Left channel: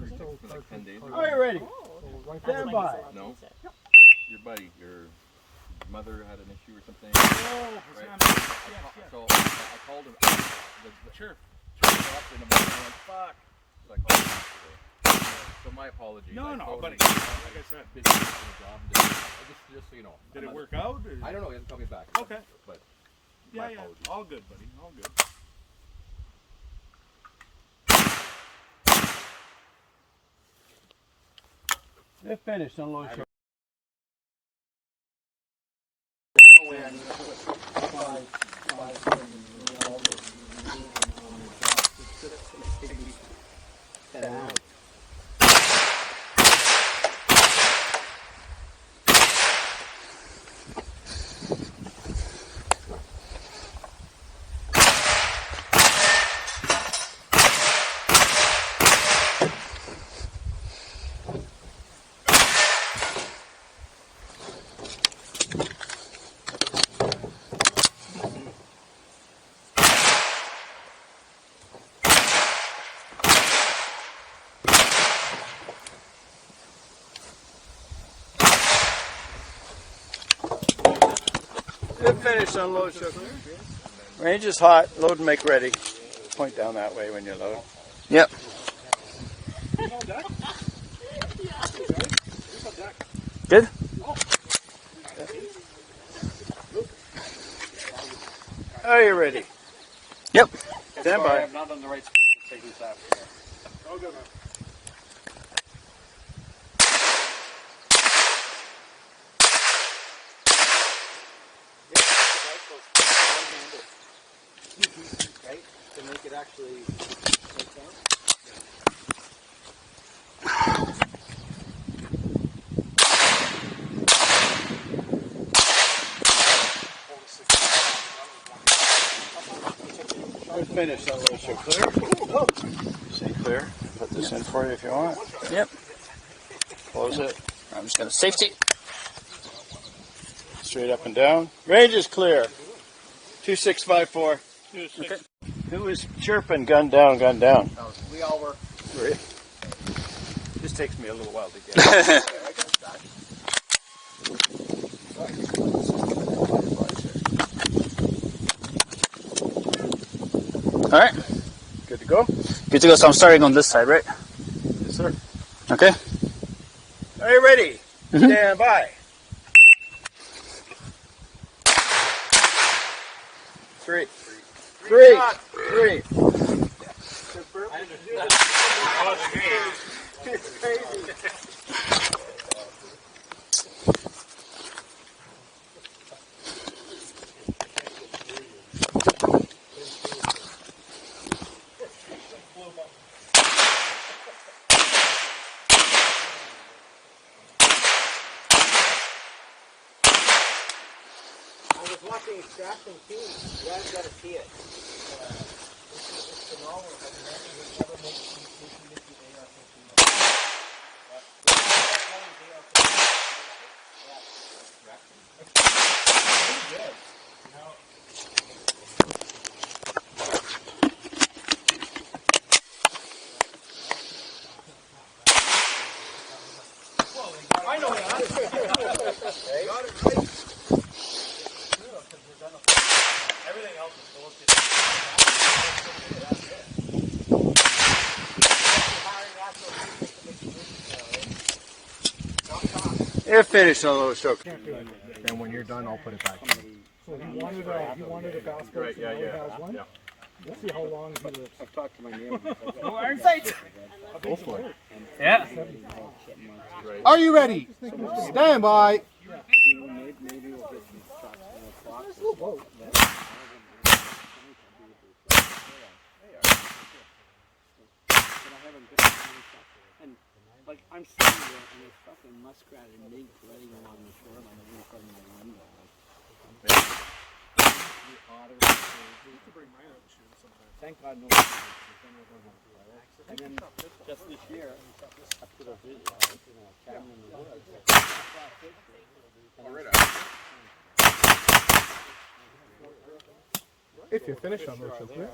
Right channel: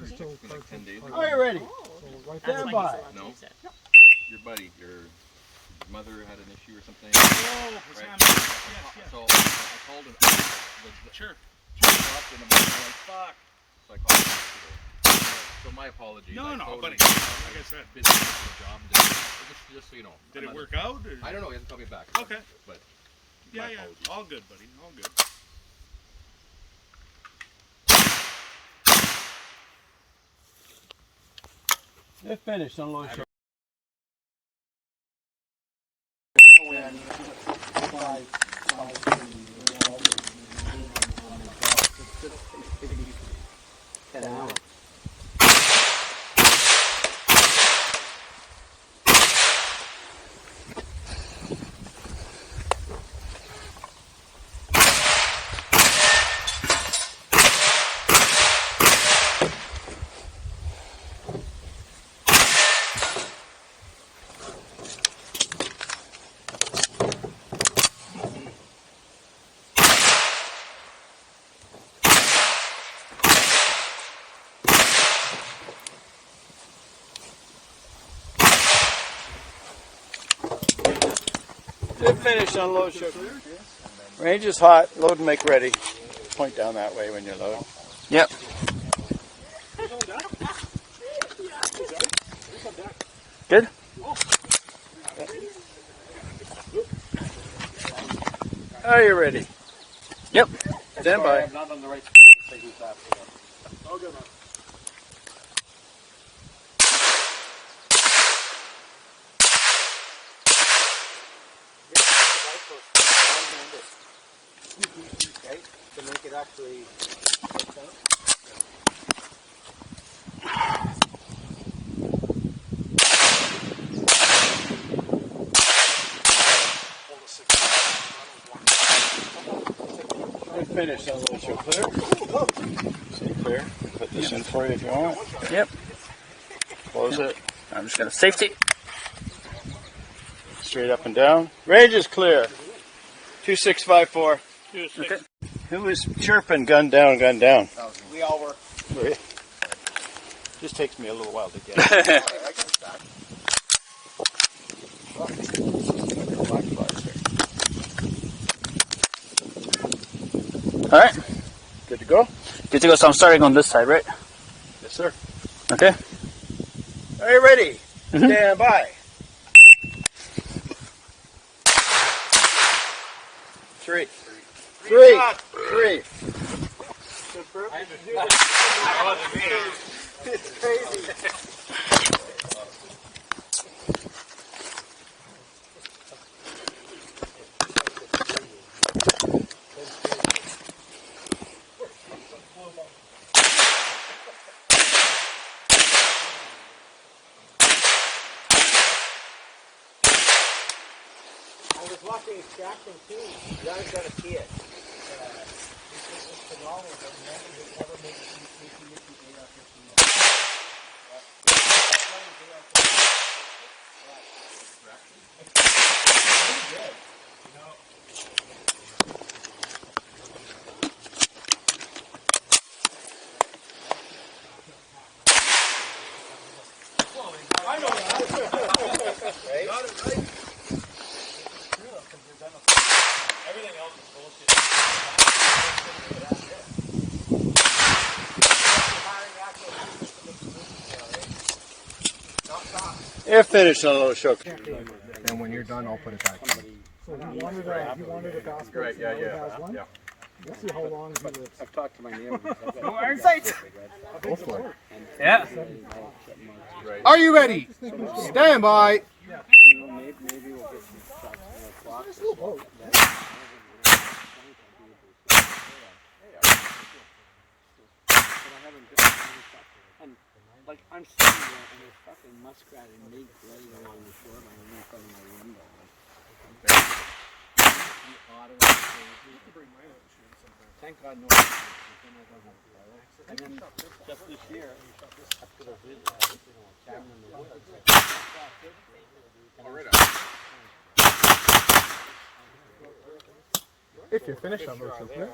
like 10 days ago. Are you ready? Stand by. No. Your buddy, your mother had an issue or something. Oh, Right? yes. So I called him. Sure. And I'm like, fuck. So I called him yesterday. So my apologies. No, buddy. Like I said, busy with the job. Just so you know. did it work out? Or? I don't know. He hasn't called me back. Okay. But Yeah. apologies. All good, buddy. All good. They're finished, unload show. They're finished, unload show. Range is hot, load and make ready. Point down that way when you load. Yep. Good? Are you ready? Yep. Stand by. I'm not on the right say who's after that. All good, man. Okay, to make it actually make sense. We're finished, unload show. Clear? Say clear. Put this in for you if you want. Yep. Close it. I'm just going to safety. Straight up and down. Range is clear. 2654. Okay. Who was chirping? Gun down, gun down. We all were. Were you? Just takes me a little while to get. All right. Good to go? Good to go. So I'm starting on this side, right? Yes, sir. Okay. Are you ready? Mhm. Stand by. Three. It's crazy. I was watching Extraction too. You guys gotta see it. It's phenomenal. But never would ever make I know that. Right? Got it right. Everything else is bullshit. You're finished, unload show. And when you're done, I'll put it back in. So he wanted a gospel. Right, yeah. Has one. Yeah. We'll see how long he lives. I've talked to my neighbor. No iron sights. Go for it. Yeah. Are you ready? Stand by. Maybe we'll get some shots at 4 o'clock. Nice little boat. And like I'm sitting there and there's fucking muskrat and mink laying along the shore and I'm in front of my window. Thank God no. And then just this year, I put a video, camera in the woods. If you're finished, I'm going to